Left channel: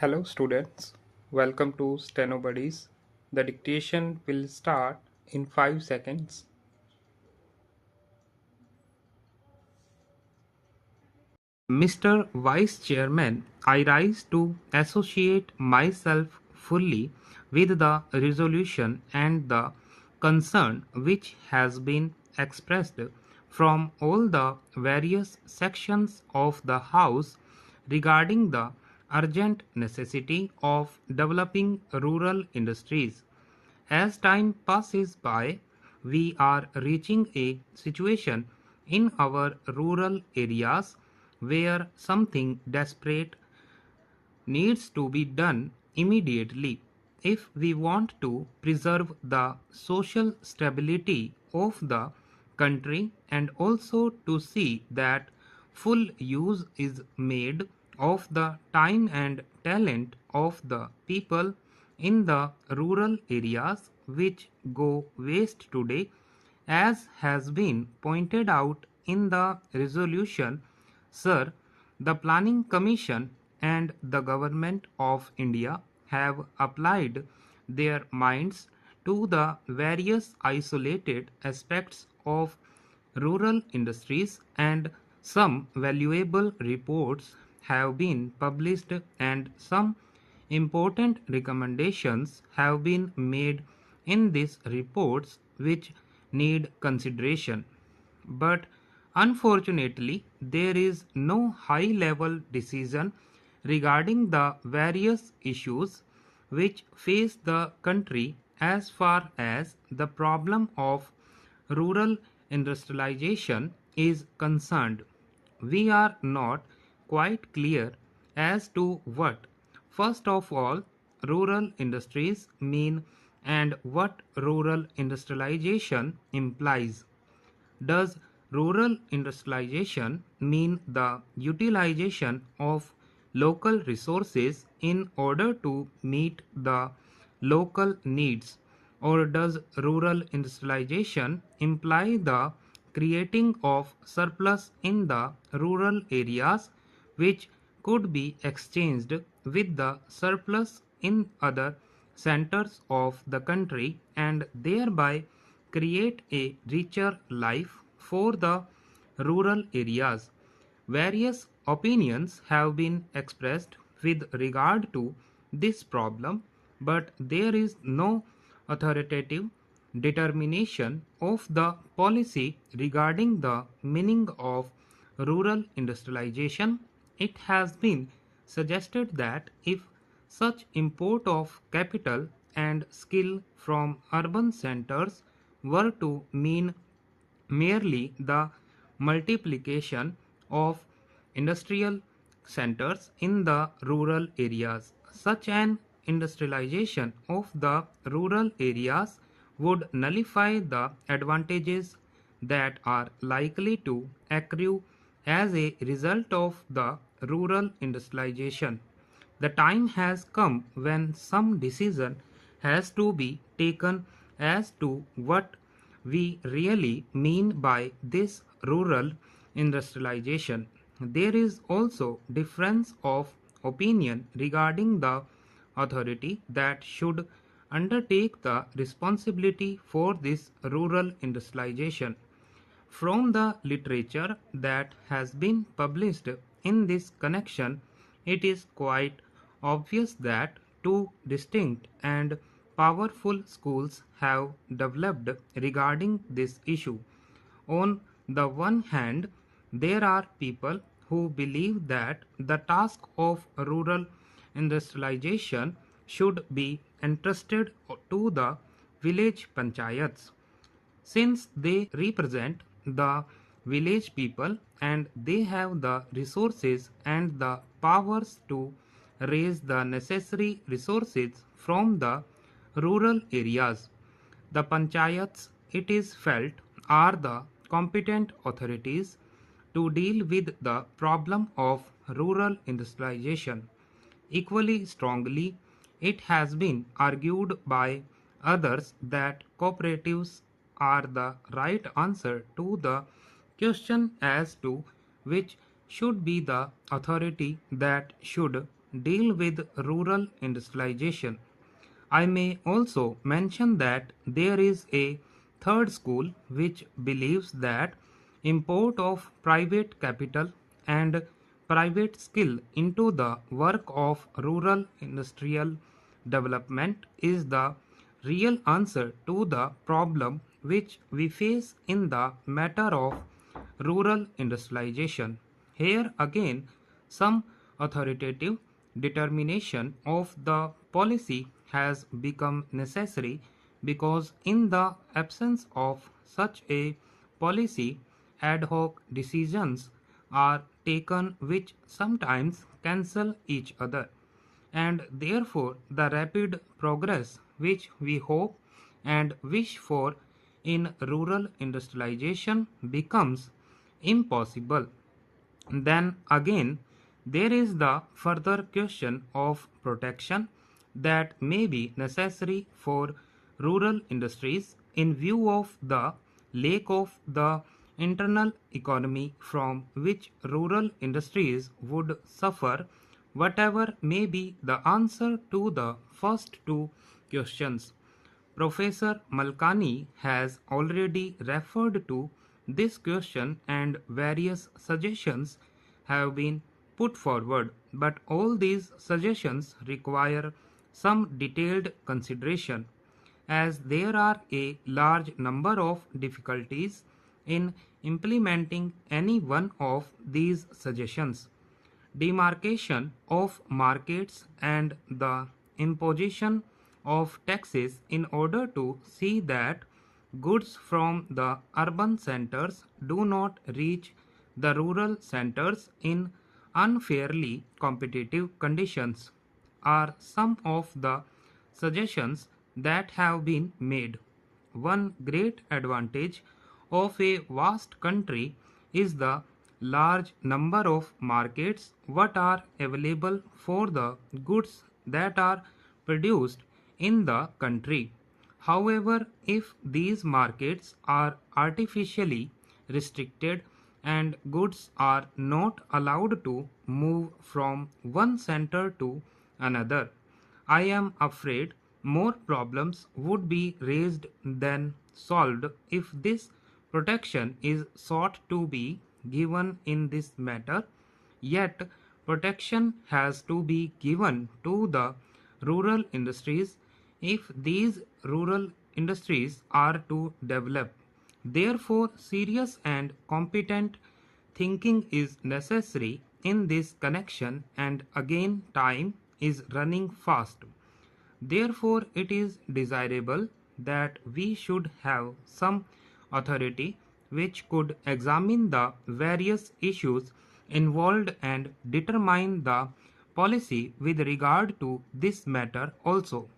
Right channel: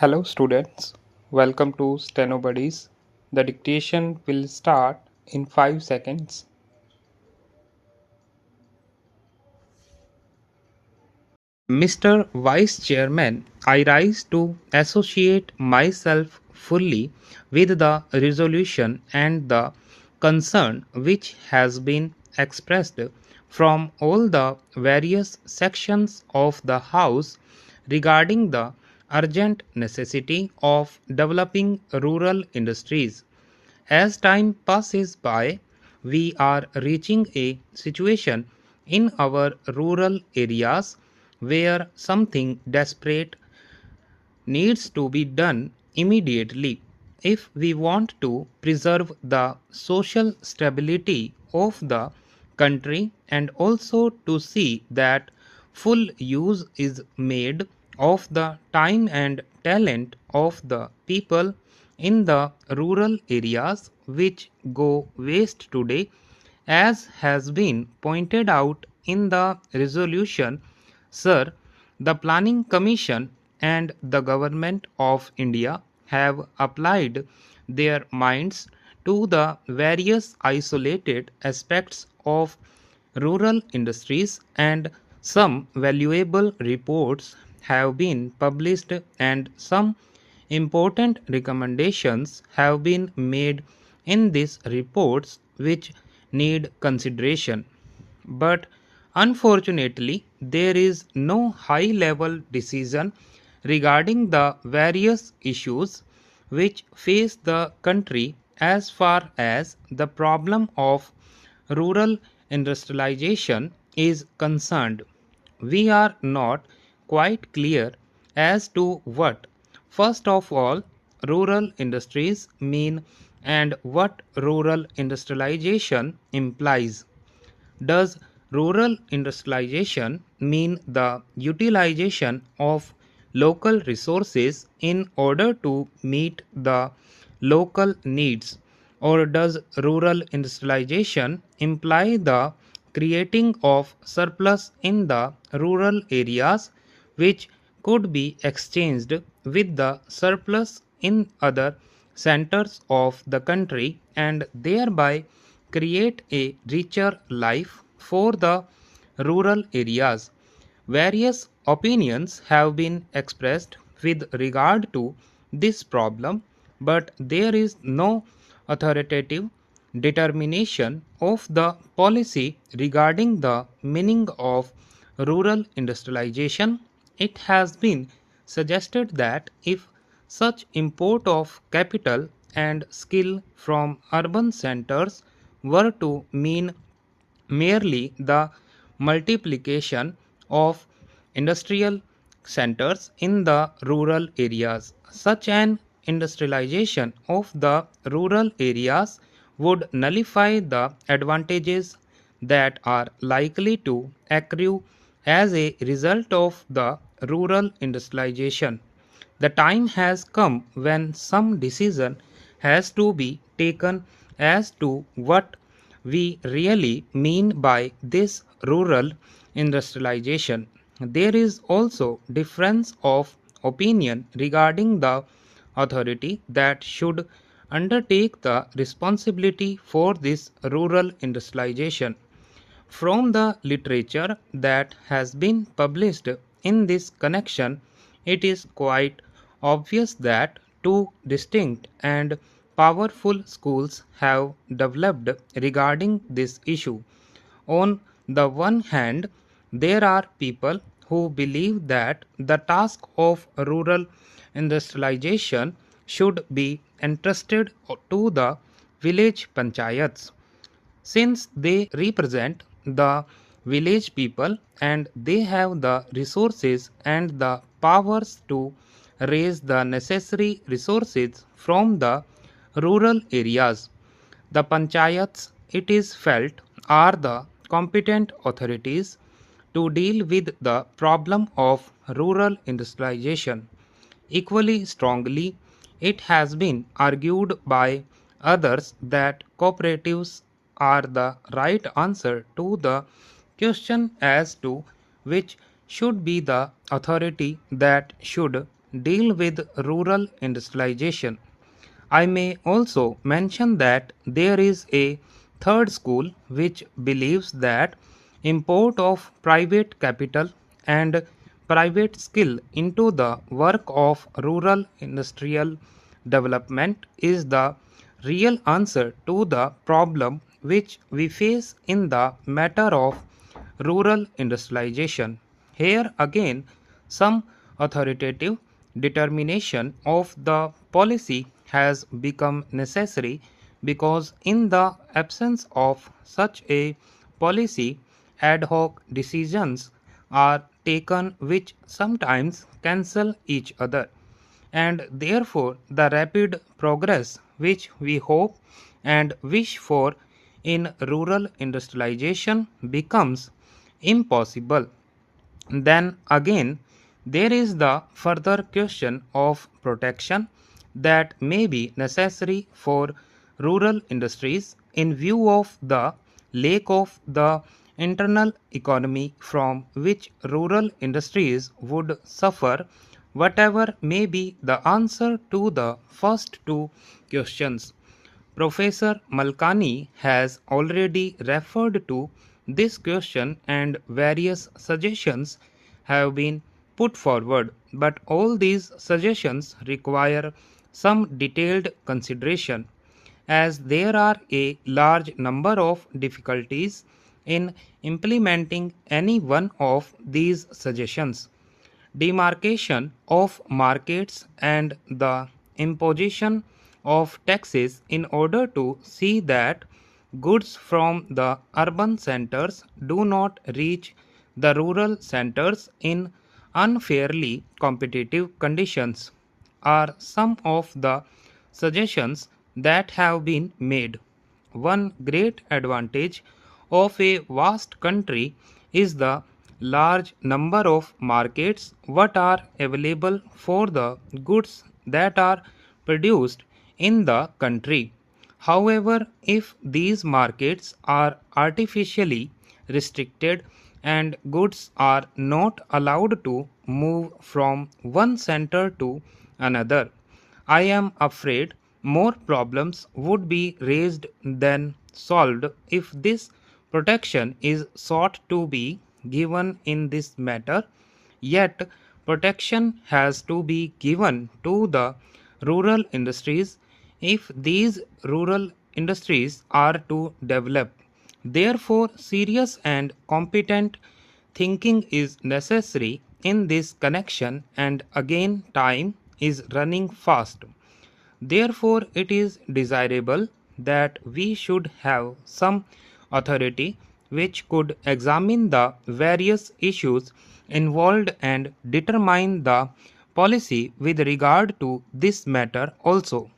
Hello students, welcome to Stenobuddies. The dictation will start in 5 seconds. Mr. Vice Chairman, I rise to associate myself fully with the resolution and the concern which has been expressed from all the various sections of the House regarding the urgent necessity of developing rural industries. As time passes by, we are reaching a situation in our rural areas where something desperate needs to be done immediately if we want to preserve the social stability of the country and also to see that full use is made of the time and talent of the people in the rural areas which go waste today, as has been pointed out in the resolution. Sir, the Planning Commission and the Government of India have applied their minds to the various isolated aspects of rural industries, and some valuable reports have been published and some important recommendations have been made in these reports which need consideration. But unfortunately, there is no high level decision regarding the various issues which face the country as far as the problem of rural industrialization is concerned. We are not quite clear as to what, first of all, rural industries mean and what rural industrialization implies. Does rural industrialization mean the utilization of local resources in order to meet the local needs? Or does rural industrialization imply the creating of surplus in the rural areas which could be exchanged with the surplus in other centers of the country and thereby create a richer life for the rural areas? Various opinions have been expressed with regard to this problem, but there is no authoritative determination of the policy regarding the meaning of rural industrialization. It has been suggested that if such import of capital and skill from urban centers were to mean merely the multiplication of industrial centers in the rural areas, such an industrialization of the rural areas would nullify the advantages that are likely to accrue as a result of the rural industrialization. The time has come when some decision has to be taken as to what we really mean by this rural industrialization. There is also difference of opinion regarding the authority that should undertake the responsibility for this rural industrialization. From the literature that has been published in this connection, it is quite obvious that two distinct and powerful schools have developed regarding this issue. On the one hand, there are people who believe that the task of rural industrialization should be entrusted to the village panchayats, since they represent the village people and they have the resources and the powers to raise the necessary resources from the rural areas. The panchayats, it is felt, are the competent authorities to deal with the problem of rural industrialization. Equally strongly, it has been argued by others that cooperatives are the right answer to the question as to which should be the authority that should deal with rural industrialization. I may also mention that there is a third school which believes that import of private capital and private skill into the work of rural industrial development is the real answer to the problem which we face in the matter of rural industrialization. Here again, some authoritative determination of the policy has become necessary because, in the absence of such a policy, ad hoc decisions are taken which sometimes cancel each other, and therefore the rapid progress which we hope and wish for in rural industrialization becomes impossible. Then again, there is the further question of protection that may be necessary for rural industries in view of the lack of the internal economy from which rural industries would suffer. Whatever may be the answer to the first two questions, Professor Malkani has already referred to this question and various suggestions have been put forward, but all these suggestions require some detailed consideration as there are a large number of difficulties in implementing any one of these suggestions. Demarcation of markets and the imposition of taxes in order to see that goods from the urban centers do not reach the rural centers in unfairly competitive conditions are some of the suggestions that have been made. One great advantage of a vast country is the large number of markets what are available for the goods that are produced in the country. However, if these markets are artificially restricted and goods are not allowed to move from one center to another, I am afraid more problems would be raised than solved if this protection is sought to be given in this matter. Yet, protection has to be given to the rural industries if these rural industries are to develop. Therefore, serious and competent thinking is necessary in this connection, and again, time is running fast. Therefore, it is desirable that we should have some authority which could examine the various issues involved and determine the policy with regard to this matter also.